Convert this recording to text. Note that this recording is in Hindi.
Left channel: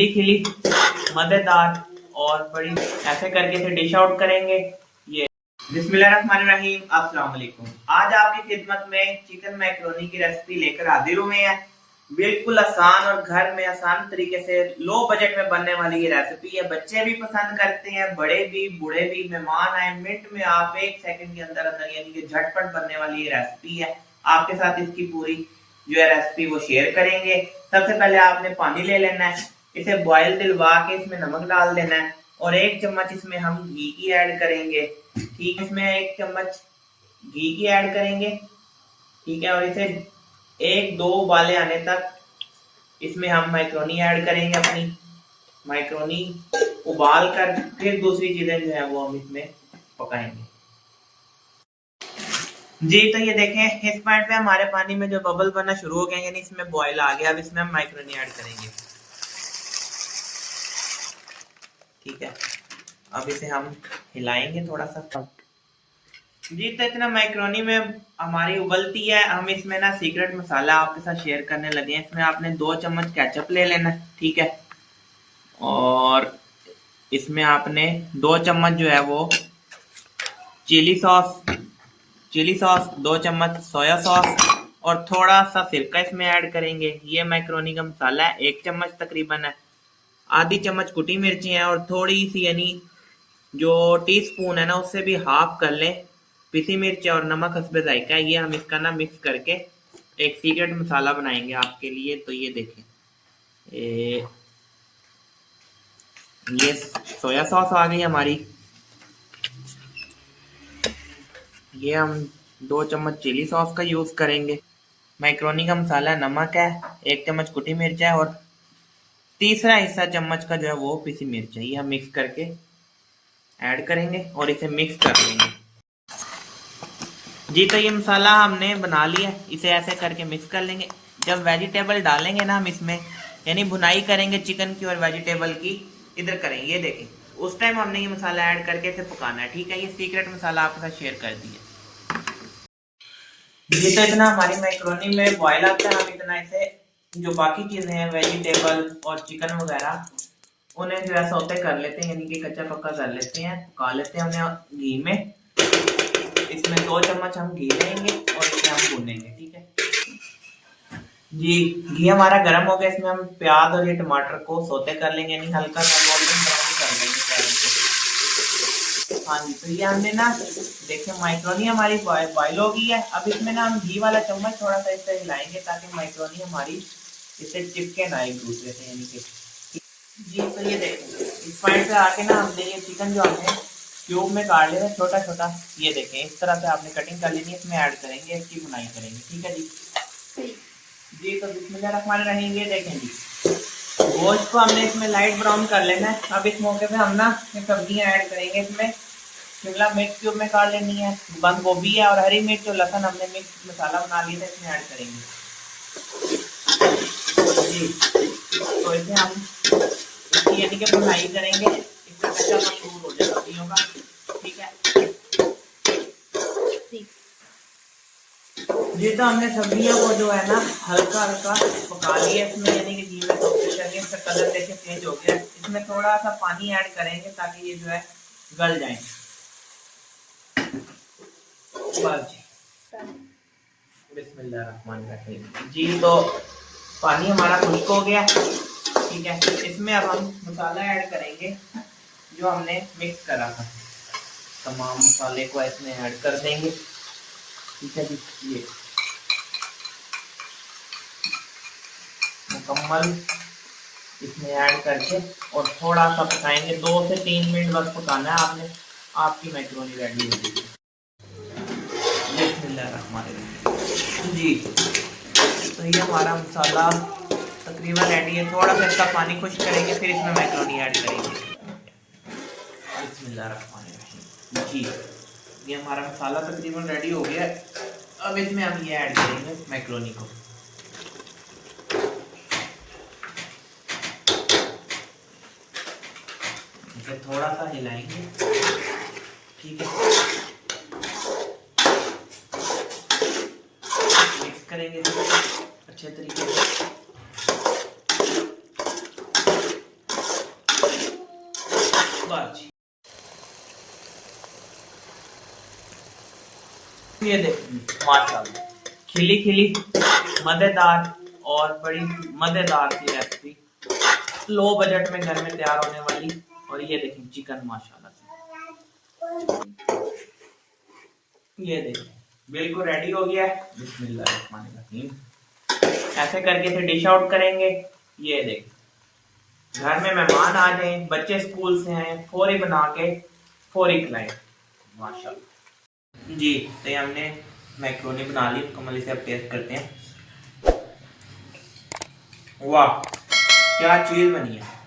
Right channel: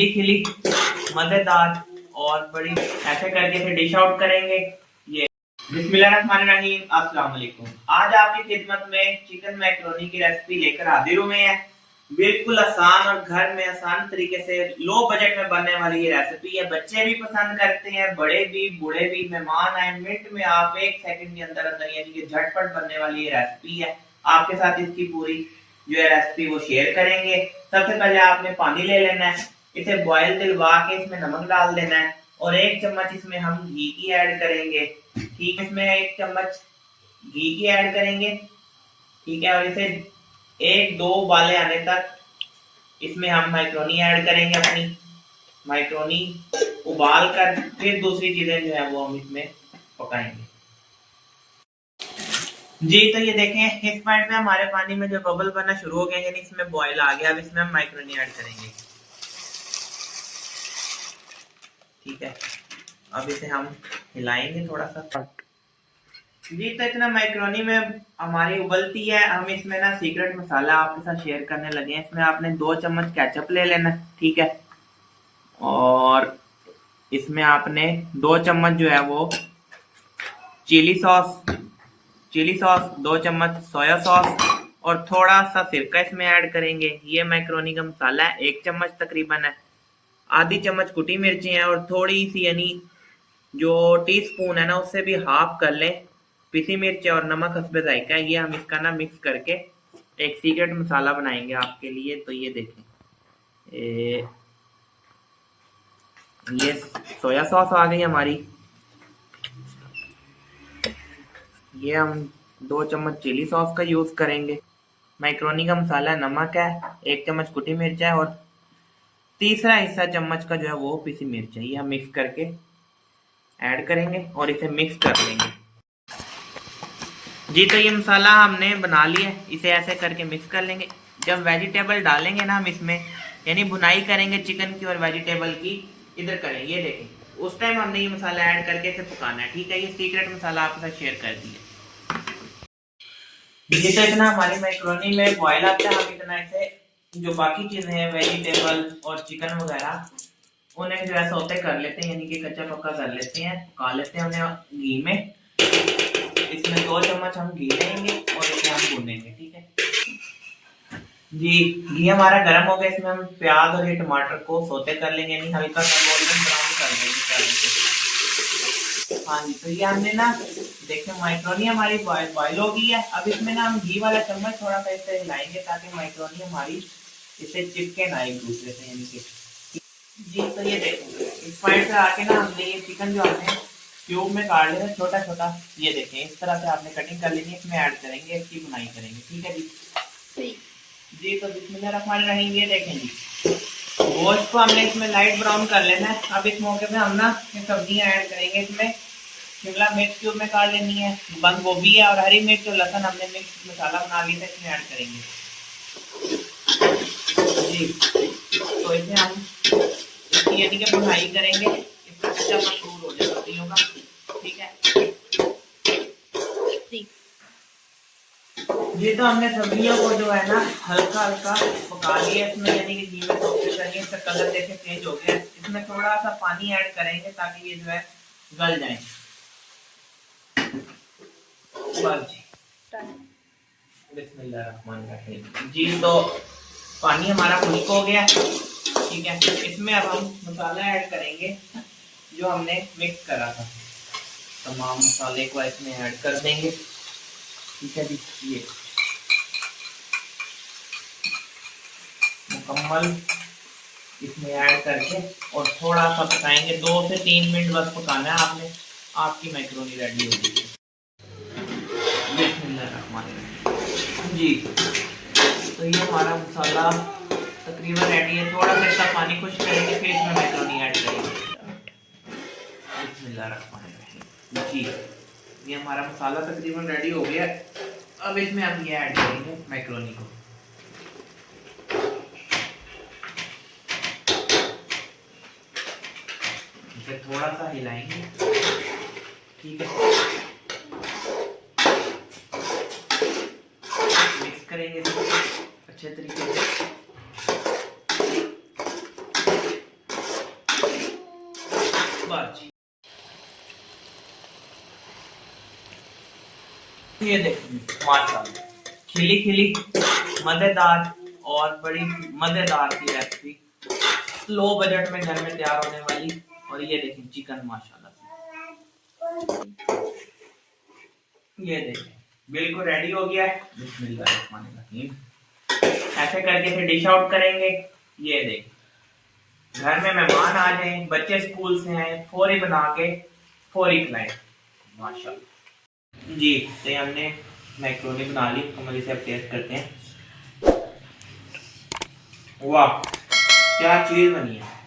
खिली खिली मजेदार और बड़ी ऐसे करके इसे डिश आउट करेंगे। ये बिस्मिल्लाहिर्रहमानिर्रहीम, अस्सलाम वालेकुम। आज आपकी खिदमत में चिकन मैकरोनी की रेसिपी लेकर हाजिर हुए हैं। बिल्कुल आसान और घर में आसान तरीके से लो बजट में बनने वाली ये रेसिपी है। बच्चे भी पसंद करते हैं, बड़े भी, बूढ़े भी। मेहमान आए, मिनट में आप 1 सेकंड के अंदर अंदर यानी कि झटपट बनने वाली ये रेसिपी है। आपके साथ इसकी पूरी जो है रेसिपी वो शेयर करेंगे। सबसे पहले आपने पानी ले लेना है, इसे बॉयल दिलवा के इसमें नमक डाल देना है और 1 चम्मच इसमें हम घी की ऐड करेंगे। ठीक है, इसमें 1 चम्मच घी की ऐड करेंगे। ठीक है, और इसे 1-2 उबाले आने तक इसमें हम मैक्रोनी ऐड करेंगे। अपनी मैक्रोनी उबाल कर फिर दूसरी चीजें जो है वो हम इसमें पकाएंगे। जी, तो ये देखें, इस पॉइंट पे हमारे पानी में जो बबल बनना शुरू हो गए, यानी इसमें बॉयल आ गया। अब इसमें हम मैक्रोनी ऐड करेंगे। ठीक है, अब इसे हम हिलाएंगे थोड़ा सा। जी, तो इतना मैक्रोनी में हमारी उबलती है। हम इसमें ना सीक्रेट मसाला आपके साथ शेयर करने लगे हैं। इसमें आपने 2 चम्मच केचप ले लेना। ठीक है, और इसमें आपने 2 चम्मच जो है वो चिली सॉस, 2 चम्मच सोया सॉस और थोड़ा सा सिरका इसमें ऐड करेंगे। ये मैक्रोनी का मसाला है, 1 चम्मच तकरीबन है। आधी चम्मच कुटी मिर्ची है और थोड़ी सी यानी जो टीस्पून है ना उससे भी हाफ कर लें पिसी मिर्च और नमक हस्बे जायका है। ये हम इसका ना मिक्स करके एक सीक्रेट मसाला बनाएंगे आपके लिए। तो ये देखें, ये सोया सॉस आ गई हमारी। ये हम 2 चम्मच चिली सॉस का यूज करेंगे। मैक्रोनी का मसाला नमक है, 1 चम्मच कुटी मिर्च है और तीसरा हिस्सा चम्मच का जो है वो पिसी मिर्च है। ये हम मिक्स करके ऐड करेंगे और इसे मिक्स कर लेंगे। जी, तो ये मसाला हमने बना लिया, इसे ऐसे करके मिक्स कर लेंगे। जब वेजिटेबल डालेंगे ना हम इसमें, यानी भुनाई करेंगे चिकन की और वेजिटेबल की, इधर करेंगे, ये देखें, उस टाइम हमने ये मसाला ऐड करके इसे पकाना है। ठीक है, ये सीक्रेट मसाला आपके साथ शेयर कर दिया। ये तो इतना हमारी मैक्रोनी में बॉयल आता है। हम इतना इसे जो बाकी चीजें हैं वेजिटेबल और चिकन वगैरह उन्हें जो है सौते कर लेते हैं, यानी कि कच्चा पक्का कर लेते हैं, पका लेते हैं हमने घी में। इसमें 2 चम्मच हम घी लेंगे और इसे हम भूनेंगे। ठीक है जी, घी हमारा गर्म हो गया। इसमें हम प्याज और ये टमाटर को सौते कर लेंगे, यानी हल्का सा गोल्डन ब्राउन कर लेंगे प्याज को। हाँ जी, तो ये हमने ना देखिए मैक्रोनी हमारी बॉयल हो गई है। अब इसमें ना हम घी वाला चम्मच थोड़ा सा इससे हिलाएंगे ताकि मैक्रोनी हमारी इससे चिपके ना एक दूसरे से, यानी कि। जी, तो ये देखें, इस पॉइंट पे आके ना हमने ये चिकन जो हमने क्यूब में काट लिया छोटा छोटा, ये देखें, इस तरह से आपने कटिंग कर लेनी है। इसमें ऐड करेंगे, इसकी बुनाई करेंगे। ठीक है जी। जी, तो बिस्मिल्लाहिर्रहमानिर्रहीम, ये देखें जी, गोश्त को हमने इसमें लाइट ब्राउन कर लेना है। अब इस मौके पे हम ना सब्जियां ऐड करेंगे। इसमें शिमला मिर्च क्यूब में काट लेनी है, बंद गोभी है और हरी मिर्च और लहसुन हमने मिक्स मसाला बना लिया था, इसमें ऐड करेंगे। जी, तो इसे हम इसकी यानी कि भुनाई करेंगे, इसमें कच्चापन दूर हो जाए सब्जियों का। ठीक है जी, तो हमने सब्जियों को जो है ना हल्का हल्का पका लिया इसमें, यानी कि घी में सौते करके इसका कलर देखे चेंज हो गया। इसमें थोड़ा सा पानी ऐड करेंगे ताकि ये जो है गल जाए। बिस्मिल्लाहिर्रहमानिर्रहीम। जी, तो पानी हमारा खुश्क हो गया। ठीक है, इसमें अब हम मसाला ऐड करेंगे जो हमने मिक्स करा था। तमाम मसाले को इसमें ऐड कर देंगे। ठीक है जी, ये मुकम्मल इसमें ऐड करके और थोड़ा सा पकाएंगे। 2 से 3 मिनट बस पकाना है आपने, आपकी मैक्रोनी रेडी हो जाएगी। जी, तो ये हमारा मसाला तकरीबन रेडी है। थोड़ा सा इसका पानी खुश करेंगे, फिर इसमें मैक्रोनी ऐड करेंगे। बिस्मिल्लाहिर्रहमानिर्रहीम। जी, ये हमारा मसाला तकरीबन रेडी हो गया। अब इसमें हम ये ऐड करेंगे मैक्रोनी को। इसे थोड़ा सा हिलाएंगे। ठीक है, मिक्स करेंगे अच्छे तरीके से। बस ये देखिए माशाल्लाह, खिली खिली मजेदार और बड़ी मजेदार की रेसिपी, लो बजट में घर में तैयार होने वाली। और ये देखिए चिकन माशाल्लाह से, ये देखिए बिल्कुल रेडी हो गया है। बिस्मिल्लाहिर्रहमानिर्रहीम। ऐसे करके फिर डिश आउट करेंगे। ये देखिए घर में मेहमान आ जाए, बच्चे स्कूल से हैं, फौरी बना के फौरी खिलाएं माशाल्लाह। जी तो ये हमने मैक्रोनी बना ली, कमल इसे अब टेस्ट करते हैं। वाह क्या चीज बनी है।